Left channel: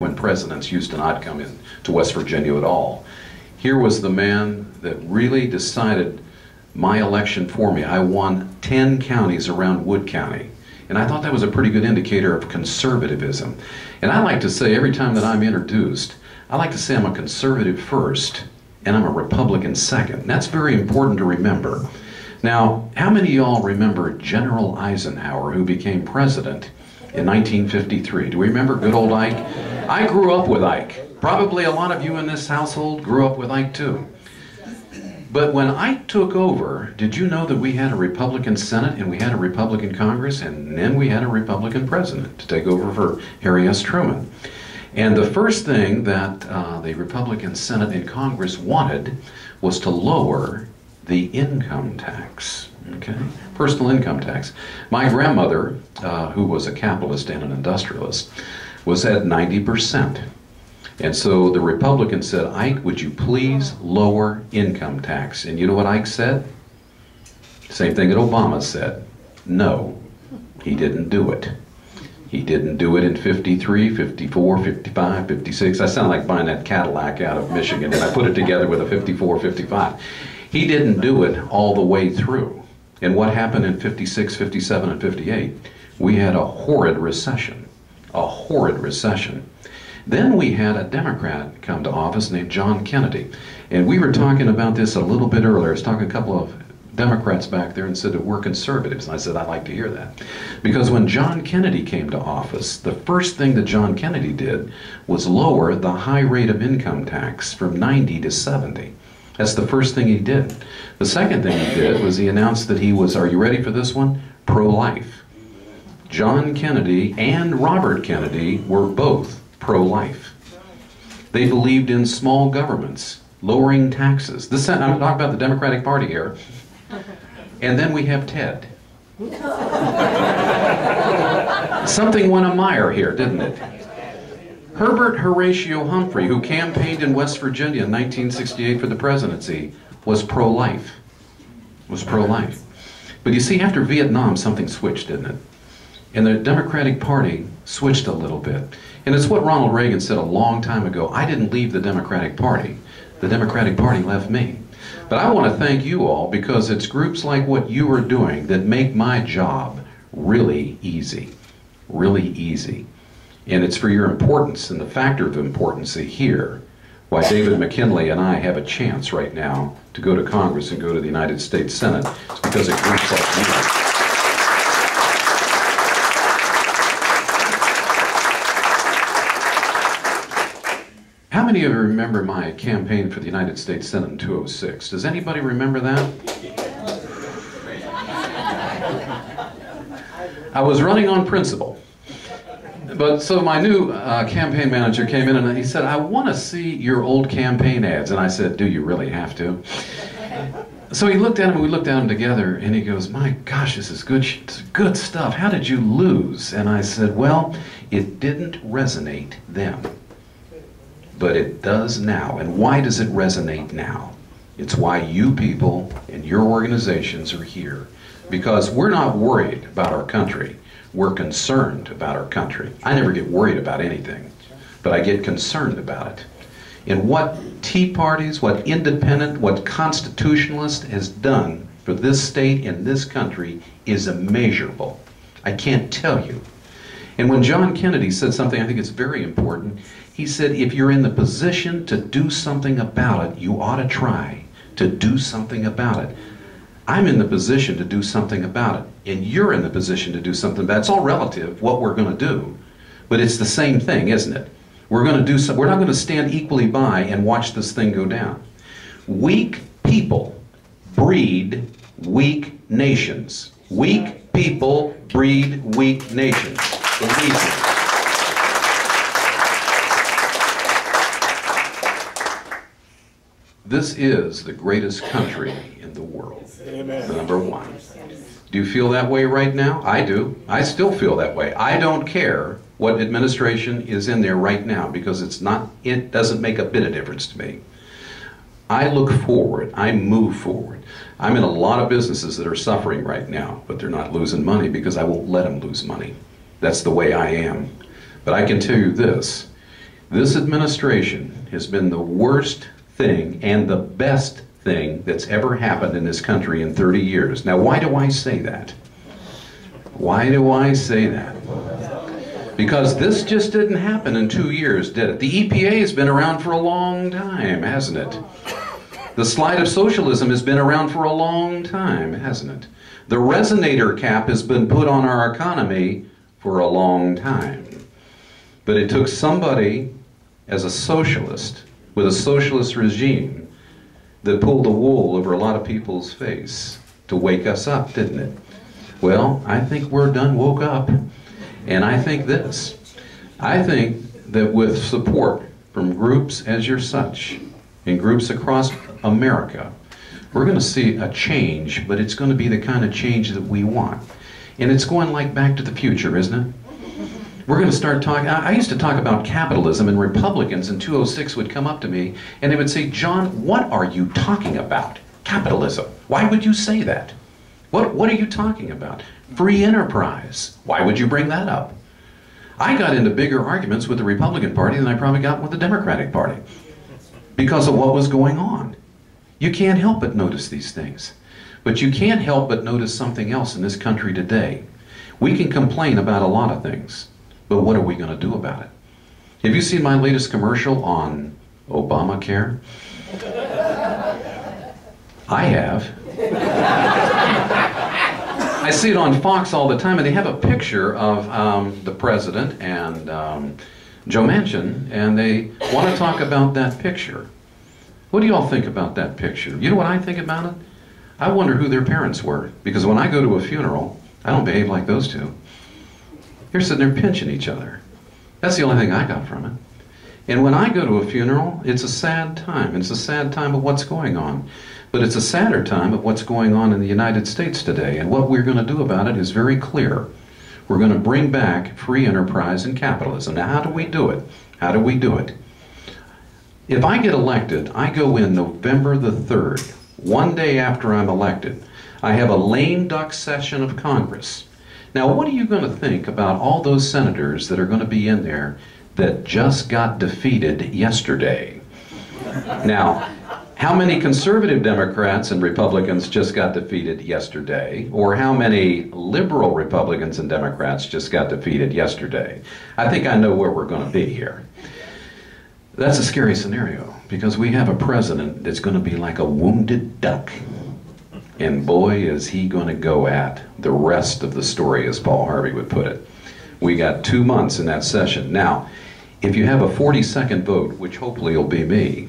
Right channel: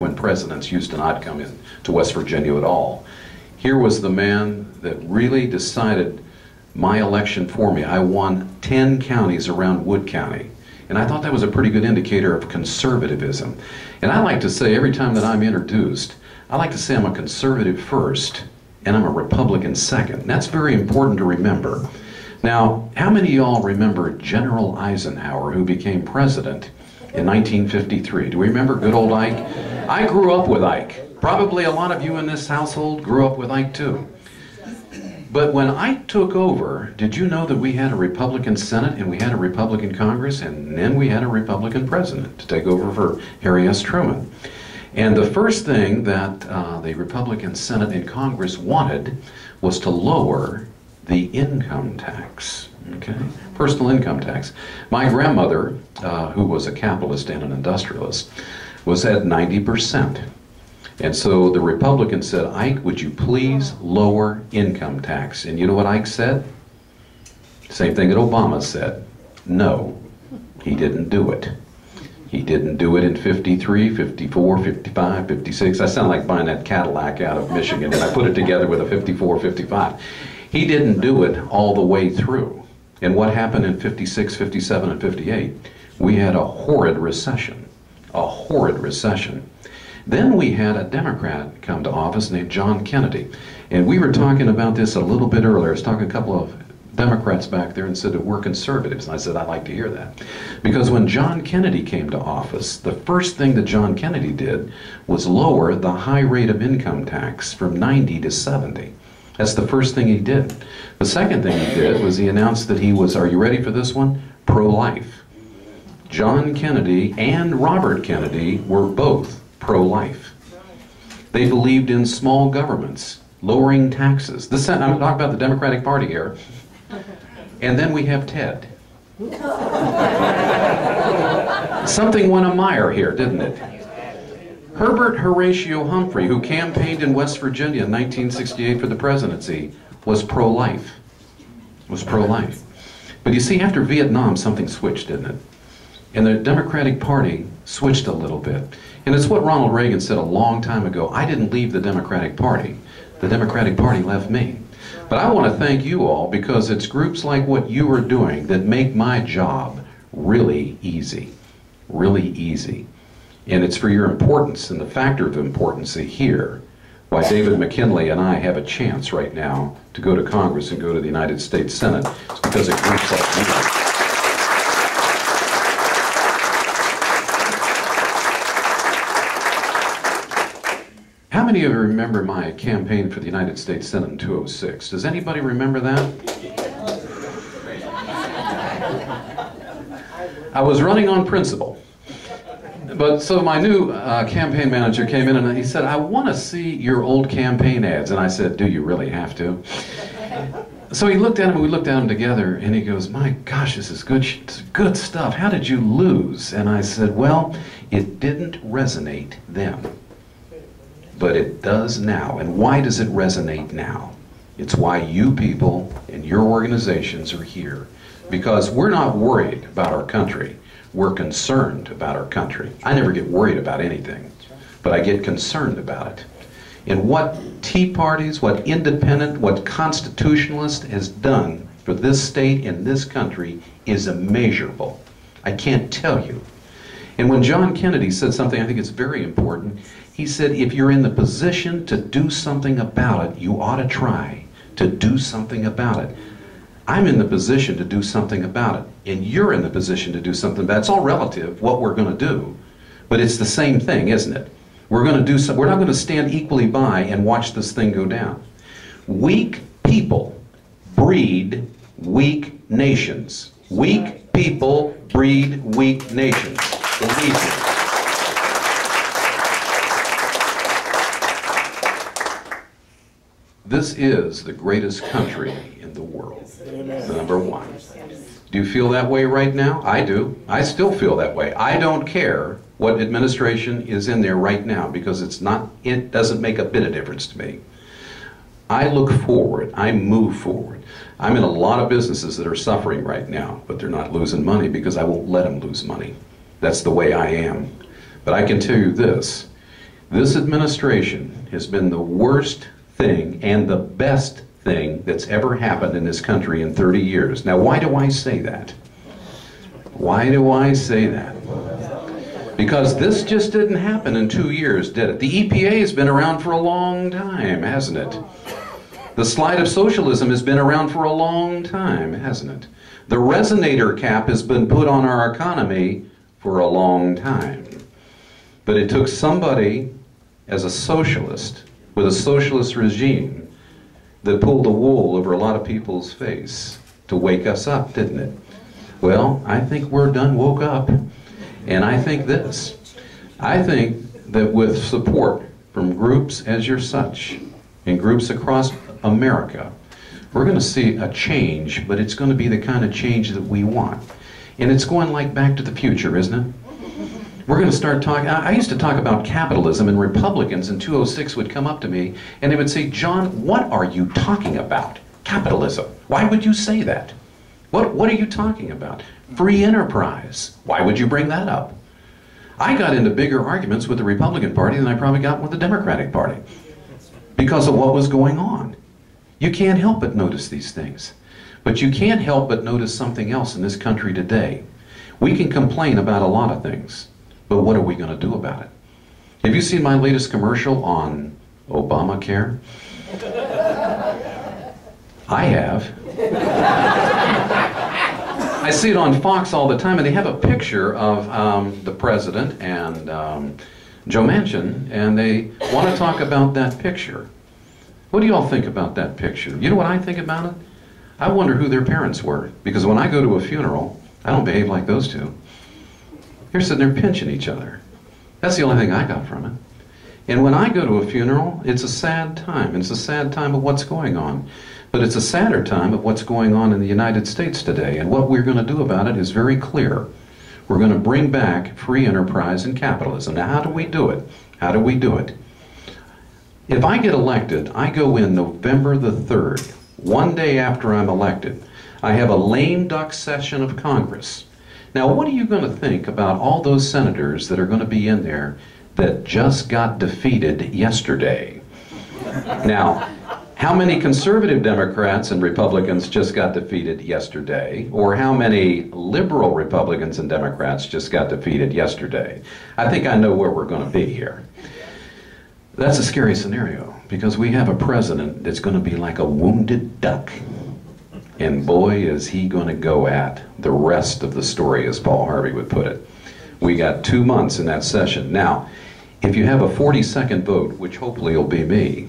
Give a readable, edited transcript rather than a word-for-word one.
when presidents used to not come in to West Virginia at all. Here was the man that really decided my election for me. I won 10 counties around Wood County. And I thought that was a pretty good indicator of conservatism. And I like to say, every time that I'm introduced, I like to say I'm a conservative first and I'm a Republican second. And that's very important to remember. Now, how many of y'all remember General Eisenhower, who became president in 1953? Do we remember good old Ike? I grew up with Ike. Probably a lot of you in this household grew up with Ike too. But when Ike took over, did you know that we had a Republican Senate and we had a Republican Congress, and then we had a Republican president to take over for Harry S. Truman? And the first thing that the Republican Senate and Congress wanted was to lower the income tax, okay? Personal income tax. My grandmother, who was a capitalist and an industrialist, was at 90%. And so the Republicans said, Ike, would you please lower income tax? And you know what Ike said? Same thing that Obama said. No, he didn't do it. He didn't do it in 53, 54, 55, 56. I sound like buying that Cadillac out of Michigan, and I put it together with a 54, 55. He didn't do it all the way through. And what happened in 56, 57, and 58? We had a horrid recession. A horrid recession. Then we had a Democrat come to office named John Kennedy. And we were talking about this a little bit earlier. I was talking to a couple of Democrats back there and said that we're conservatives. And I said, I'd like to hear that. Because when John Kennedy came to office, the first thing that John Kennedy did was lower the high rate of income tax from 90 to 70. That's the first thing he did. The second thing he did was he announced that he was, are you ready for this one? Pro-life. John Kennedy and Robert Kennedy were both pro-life. They believed in small governments, lowering taxes. I'm talking about the Democratic Party here. And then we have Ted. Something went amire here, didn't it? Herbert Horatio Humphrey, who campaigned in West Virginia in 1968 for the presidency, was pro-life. Was pro-life. But you see, after Vietnam, something switched, didn't it? And the Democratic Party switched a little bit. And it's what Ronald Reagan said a long time ago. I didn't leave the Democratic Party. The Democratic Party left me. But I want to thank you all, because it's groups like what you are doing that make my job really easy. Really easy. And it's for your importance and the factor of importance here why David McKinley and I have a chance right now to go to Congress and go to the United States Senate. It's because of groups like you. How many of you remember my campaign for the United States Senate in 2006? Does anybody remember that? I was running on principle. But so my new campaign manager came in and he said, I want to see your old campaign ads. And I said, do you really have to? So he looked at them, we looked at them together, and he goes, my gosh, this is good stuff. How did you lose? And I said, well, it didn't resonate then. But it does now. And why does it resonate now? It's why you people and your organizations are here. Because we're not worried about our country. We're concerned about our country. I never get worried about anything, but I get concerned about it. And what Tea Parties, what independent, what constitutionalist has done for this state and this country is immeasurable. I can't tell you. And when John Kennedy said something I think is very important, he said, if you're in the position to do something about it, you ought to try to do something about it. I'm in the position to do something about it, and you're in the position to do something about it. It's all relative, what we're going to do, but it's the same thing, isn't it? We're going to do something. We're not going to stand equally by and watch this thing go down. Weak people breed weak nations. Weak people breed weak nations. Believe me. This is the greatest country in the world. Amen. Number one. Do you feel that way right now? I do. I still feel that way. I don't care what administration is in there right now, because it doesn't make a bit of difference to me. I look forward. I move forward. I'm in a lot of businesses that are suffering right now, but they're not losing money because I won't let them lose money. That's the way I am. But I can tell you this, This administration has been the worst thing and the best thing that's ever happened in this country in 30 years. Now, why do I say that? Why do I say that? Because this just didn't happen in 2 years, did it? The EPA has been around for a long time, hasn't it? The slide of socialism has been around for a long time, hasn't it? The resonator cap has been put on our economy for a long time. But it took somebody as a socialist, with a socialist regime, that pulled the wool over a lot of people's face to wake us up, didn't it? Well, I think we're done woke up. And I think this. I think that with support from groups as your such, and groups across America, we're going to see a change, but it's going to be the kind of change that we want. And it's going like Back to the Future, isn't it? We're going to start talking. I used to talk about capitalism, and Republicans in 206 would come up to me and they would say, "John, what are you talking about? Capitalism. Why would you say that? What are you talking about? Free enterprise. Why would you bring that up?" I got into bigger arguments with the Republican Party than I probably got with the Democratic Party because of what was going on. You can't help but notice these things. But you can't help but notice something else in this country today. We can complain about a lot of things, but what are we going to do about it? Have you seen my latest commercial on Obamacare? I have. I see it on Fox all the time, and they have a picture of the president and Joe Manchin, and they want to talk about that picture. What do you all think about that picture? You know what I think about it? I wonder who their parents were, because when I go to a funeral, I don't behave like those two. They're sitting there pinching each other. That's the only thing I got from it. And when I go to a funeral, it's a sad time. It's a sad time of what's going on. But it's a sadder time of what's going on in the United States today. And what we're going to do about it is very clear. We're going to bring back free enterprise and capitalism. Now, how do we do it? How do we do it? If I get elected, I go in November the 3rd, one day after I'm elected. I have a lame duck session of Congress. Now, what are you going to think about all those senators that are going to be in there that just got defeated yesterday? Now, how many conservative Democrats and Republicans just got defeated yesterday? Or how many liberal Republicans and Democrats just got defeated yesterday? I think I know where we're going to be here. That's a scary scenario, because we have a president that's going to be like a wounded duck. And boy, is he going to go at the rest of the story, as Paul Harvey would put it. We got 2 months in that session. Now, if you have a 40-second vote, which hopefully will be me,